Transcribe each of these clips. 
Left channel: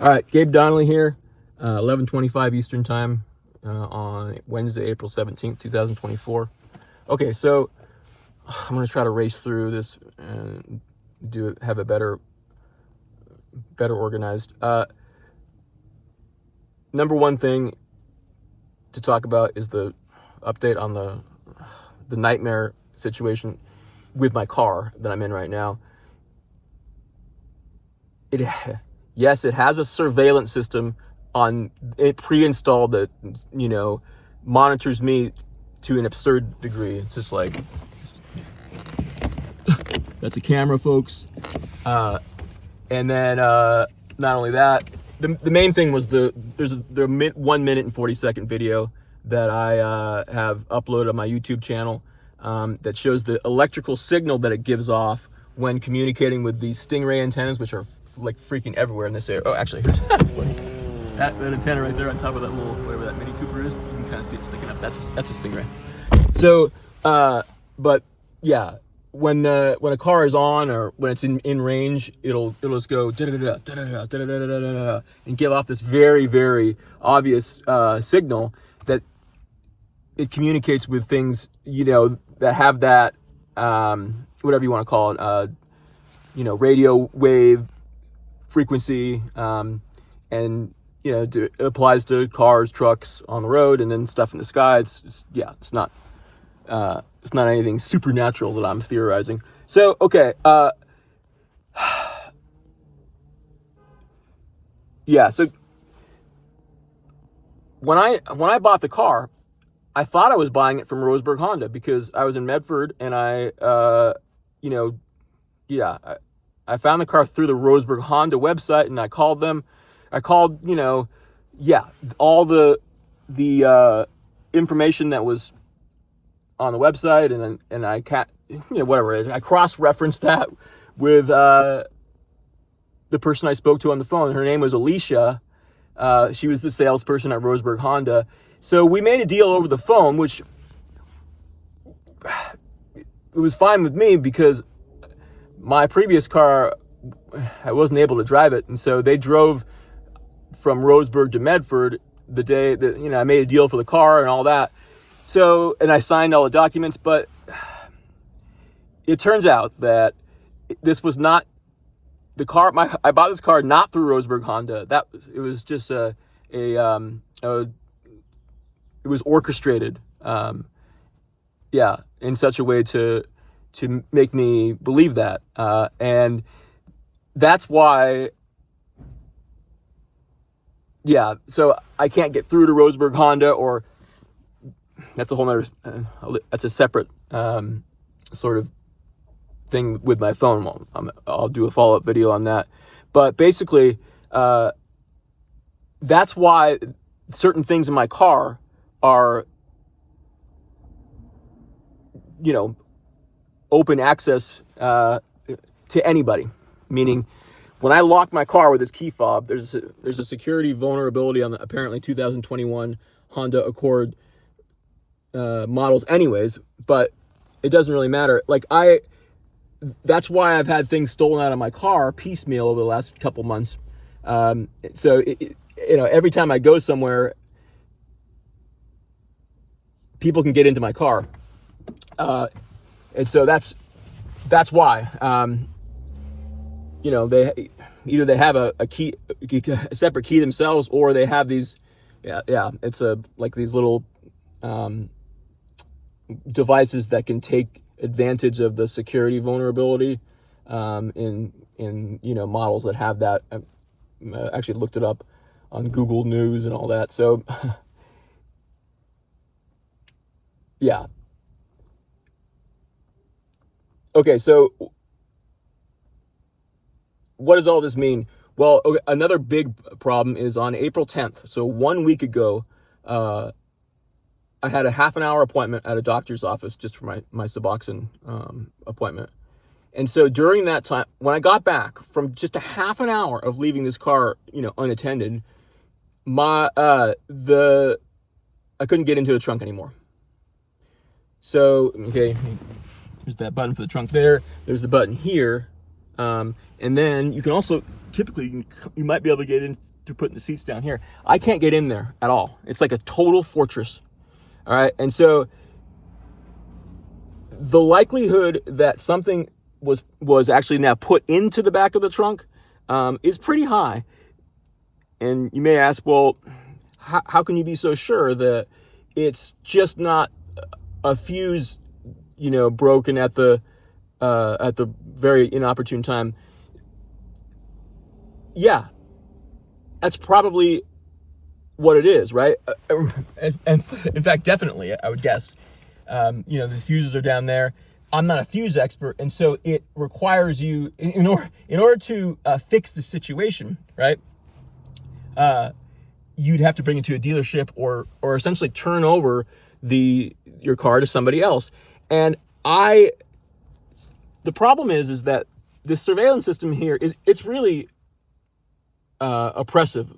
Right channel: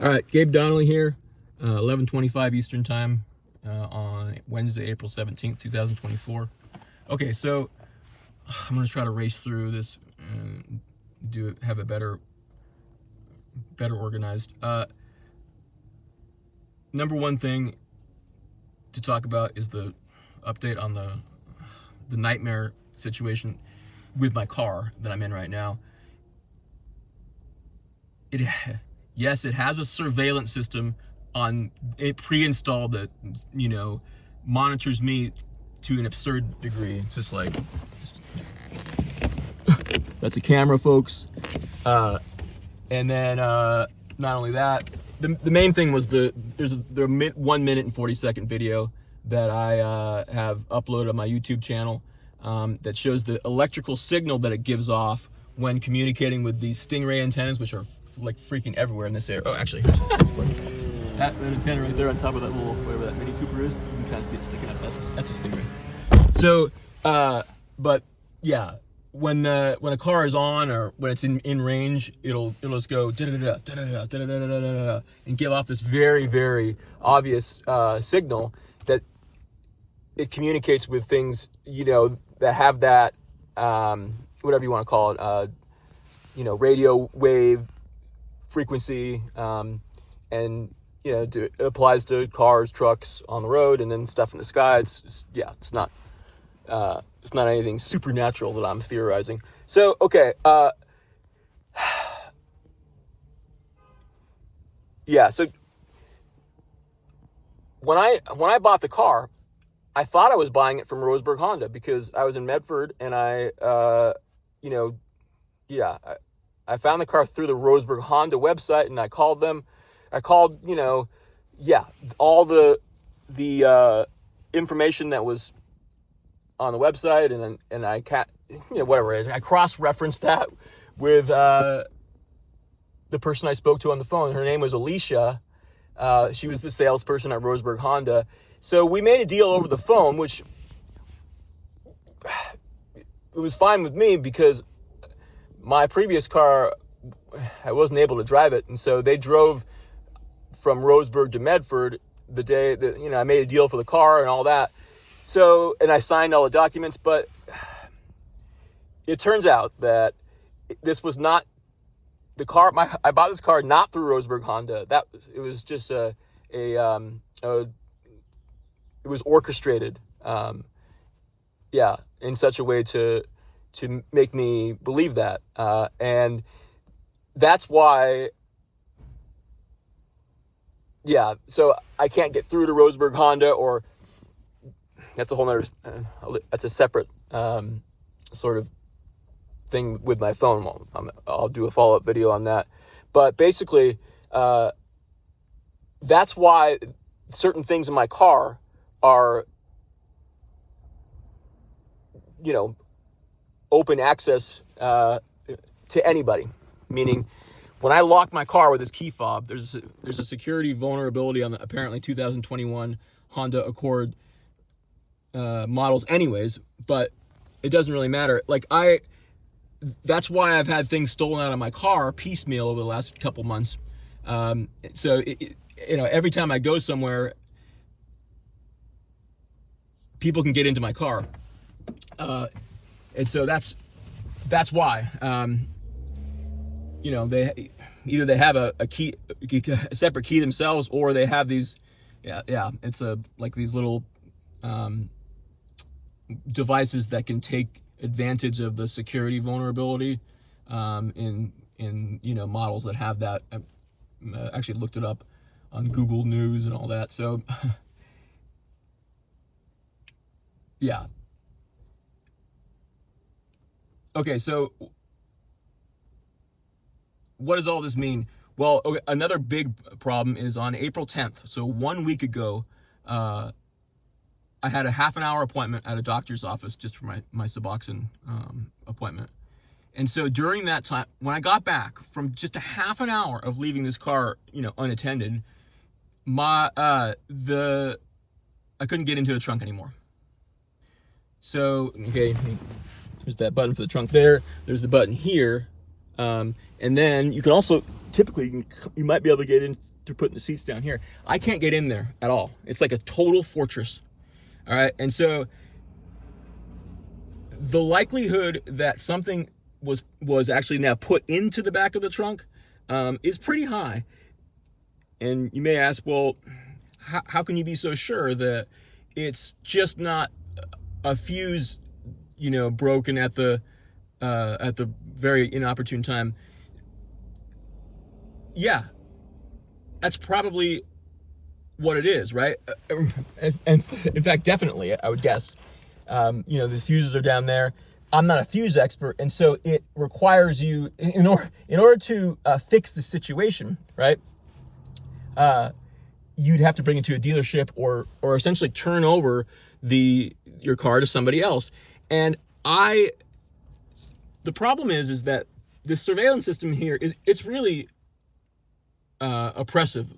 All right, Gabe Donnelly here, 11:25 Eastern Time on Wednesday, April 17th, 2024. Okay, so I'm going to try to race through this and have it better organized. Number one thing to talk about is the update on the nightmare situation with my car that I'm in right now. Yes, it has a surveillance system on it pre-installed that, monitors me to an absurd degree. It's just like, that's a camera, folks. And then not only that, the main thing was there's a 1 minute and 40-second video that I have uploaded on my YouTube channel that shows the electrical signal that it gives off when communicating with these Stingray antennas, which are like freaking everywhere in this area. Oh, actually, that's funny. That antenna right there on top of that little, whatever that Mini Cooper is, you can kind of see it sticking up. That's a Stingray. So, but yeah, when a car is on or when it's in range, it'll just go da da da da da da da da and give off this very, very obvious signal that it communicates with things, that have that whatever you want to call it, radio wave frequency, and it applies to cars, trucks on the road, and then stuff in the sky. It's not anything supernatural that I'm theorizing. So okay, yeah. So when I bought the car, I thought I was buying it from Roseburg Honda because I was in Medford and I found the car through the Roseburg Honda website, and I called them. I called, all the information that was on the website, and I I cross-referenced that with the person I spoke to on the phone. Her name was Alicia. She was the salesperson at Roseburg Honda. So we made a deal over the phone, which it was fine with me because my previous car, I wasn't able to drive it, and so they drove from Roseburg to Medford the day that I made a deal for the car and all that. So, and I signed all the documents, but it turns out that this was not the car. I bought this car not through Roseburg Honda. It was just it was orchestrated, in such a way to make me believe that, and that's why. Yeah, so I can't get through to Roseburg Honda, or that's a whole nother. That's a separate sort of thing with my phone. Well, I'll do a follow-up video on that, but basically, that's why certain things in my car are, open access to anybody. Meaning, when I lock my car with this key fob, there's a security vulnerability on the apparently 2021 Honda Accord models anyways, but it doesn't really matter. That's why I've had things stolen out of my car piecemeal over the last couple months. So every time I go somewhere, people can get into my car, and so that's why. They have a key, a separate key themselves, or they have these. It's like these little devices that can take advantage of the security vulnerability in models that have that. I actually looked it up on Google News and all that. So yeah. Okay, so what does all this mean? Well, okay, another big problem is on April 10th. So 1 week ago, I had a half an hour appointment at a doctor's office just for my Suboxone appointment. And so during that time, when I got back from just a half an hour of leaving this car, unattended, I couldn't get into the trunk anymore. So, okay, there's that button for the trunk there. There's the button here. And then you can also, typically, you might be able to get they're putting the seats down here. I can't get in there at all. It's like a total fortress. All right. And so the likelihood that something was actually now put into the back of the trunk is pretty high. And you may ask, well, how can you be so sure that it's just not a fuse, broken at the very inopportune time? Yeah, that's probably what it is, right? And in fact, definitely, I would guess. The fuses are down there. I'm not a fuse expert, and so it requires you, in order to fix the situation, right? You'd have to bring it to a dealership or essentially turn over your car to somebody else. And the problem is that this surveillance system here it's really oppressive.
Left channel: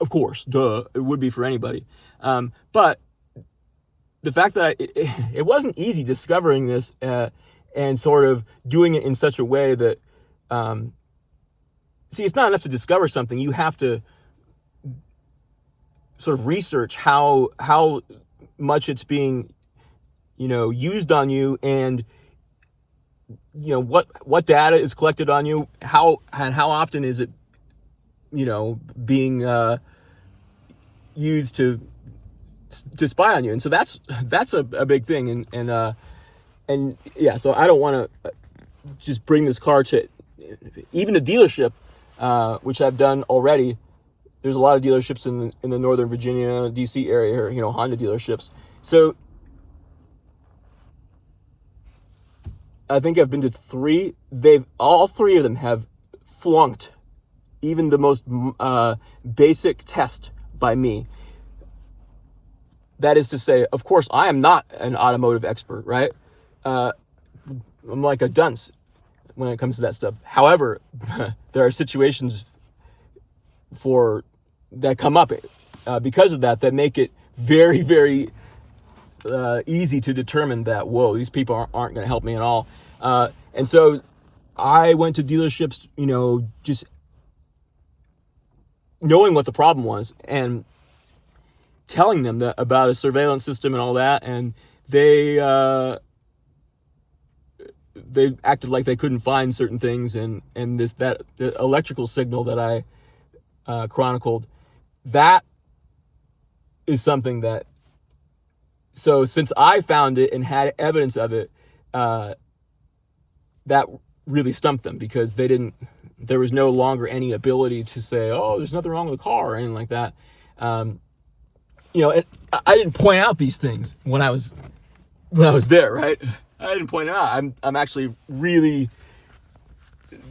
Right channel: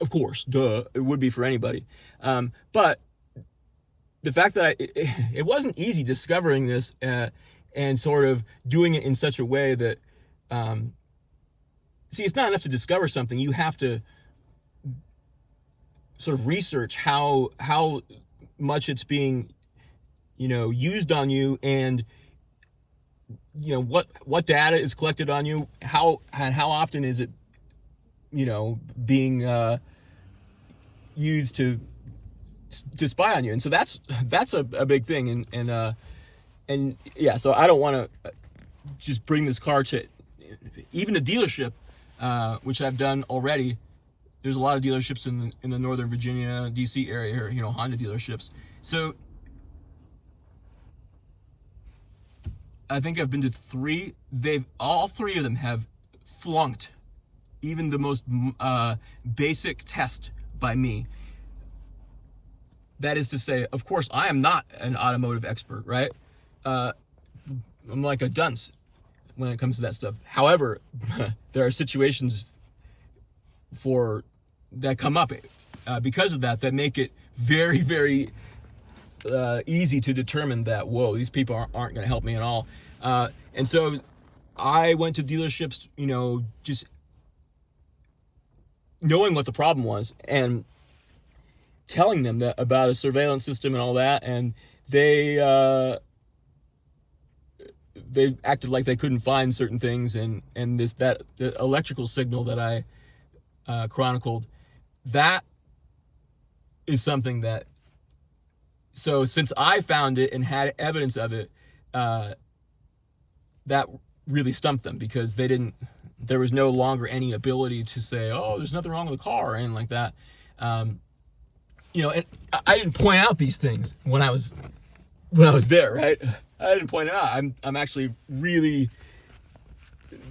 Of course, duh, it would be for anybody. But the fact that it wasn't easy discovering this and sort of doing it in such a way that, it's not enough to discover something. You have to sort of research how much it's being, used on you, and what data is collected on you, how often is it, being used to spy on you. And so that's a big thing. And yeah, so I don't want to just bring this car to even a dealership, which I've done already. There's a lot of dealerships in the Northern Virginia, DC area here, Honda dealerships. So I think I've been to 3. All 3 of them have flunked even the most basic test by me. That is to say, of course, I am not an automotive expert, right? I'm like a dunce when it comes to that stuff. However, there are situations that come up because of that make it very, very easy to determine that, whoa, these people aren't going to help me at all. And so I went to dealerships, just knowing what the problem was and telling them about a surveillance system and all that, and they acted like they couldn't find certain things, and the electrical signal that I chronicled, that is something that, so since I found it and had evidence of it, that really stumped them, because there was no longer any ability to say, oh, there's nothing wrong with the car or anything like that. And I didn't point out these things when I was there, right? I didn't point it out. I'm actually really,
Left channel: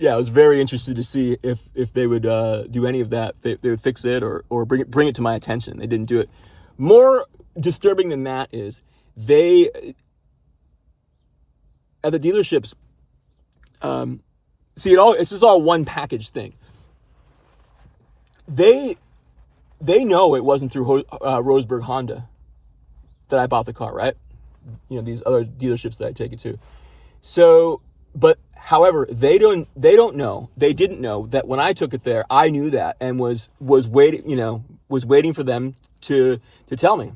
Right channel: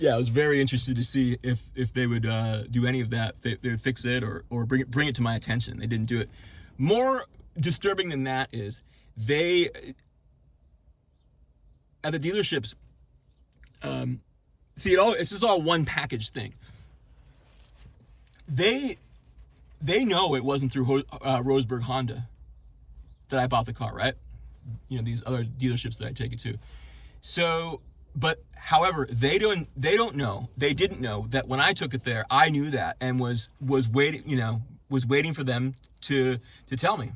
I was very interested to see if they would do any of that. They would fix it or bring it to my attention. They didn't do it. More disturbing than that is at the dealerships, it's just all one package thing. They know it wasn't through Roseburg Honda that I bought the car, right? These other dealerships that I take it to. So, but however, they didn't know that when I took it there, I knew that and was waiting for them to tell me.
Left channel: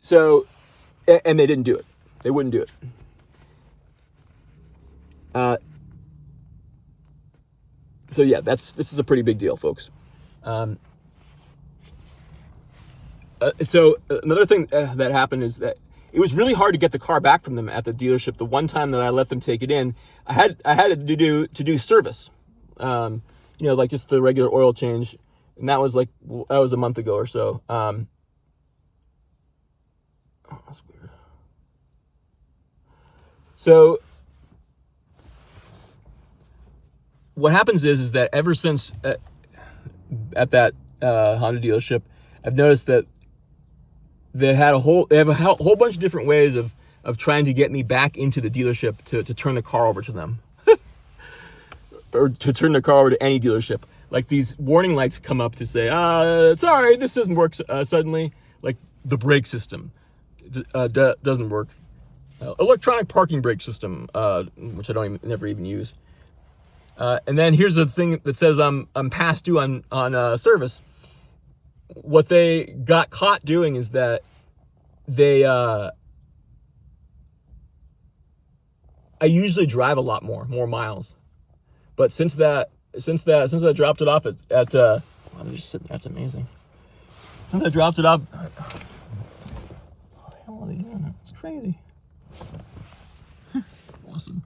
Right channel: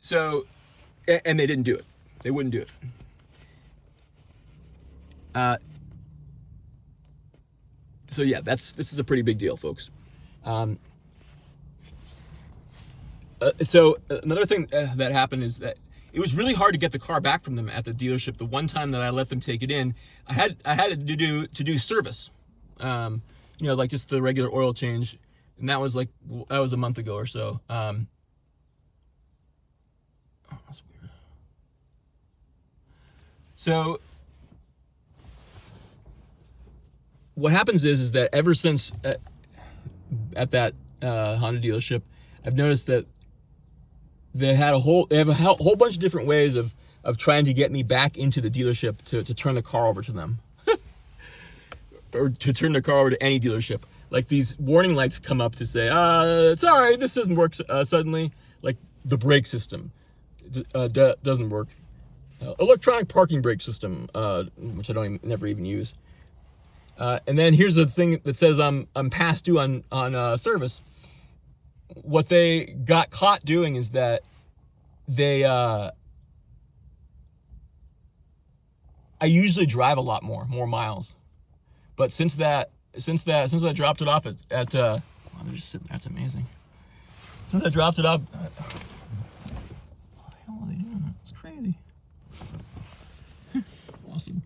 So, and they didn't do it. They wouldn't do it. So yeah, this is a pretty big deal, folks. So another thing that happened is that it was really hard to get the car back from them at the dealership. The one time that I let them take it in, I had to do service, like just the regular oil change, and that was a month ago or so. Oh, that's weird. So what happens is that ever since at that Honda dealership, I've noticed that they have a whole bunch of different ways of trying to get me back into the dealership to turn the car over to them or to turn the car over to any dealership. Like these warning lights come up to say, sorry, this doesn't work suddenly. Like the brake system doesn't work. Electronic parking brake system, which I never even use. And then here's the thing that says I'm past due on service. What they got caught doing is that they I usually drive a lot more miles, but since I dropped it off at wow, they're just sitting there. That's amazing. Since I dropped it off, what the hell are they doing? It's crazy. Awesome.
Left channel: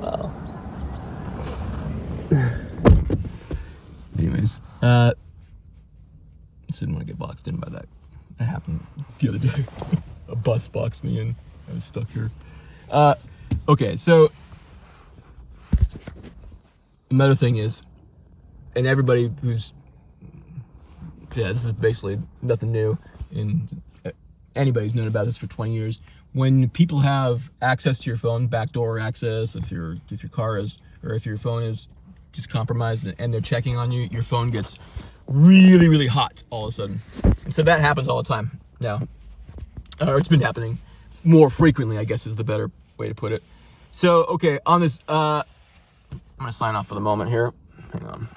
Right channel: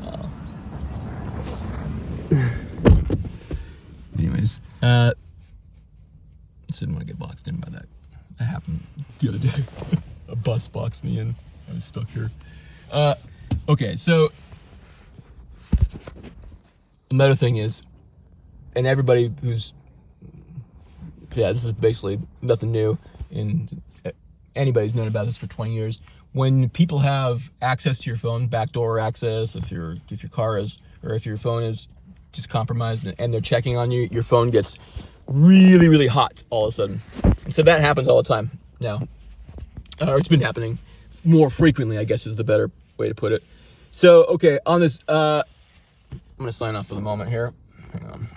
Wow. Anyways, didn't want to get boxed in by that. That happened the other day. A bus boxed me in. I was stuck here. Okay, so another thing is, and everybody who's, yeah, this is basically nothing new, and anybody's known about this for 20 years. When people have access to your phone, backdoor access, if your car is, or if your phone is just compromised and they're checking on you, your phone gets really, really hot all of a sudden. And so that happens all the time now. Or it's been happening more frequently, I guess is the better way to put it. So, okay, on this, I'm going to sign off for the moment here.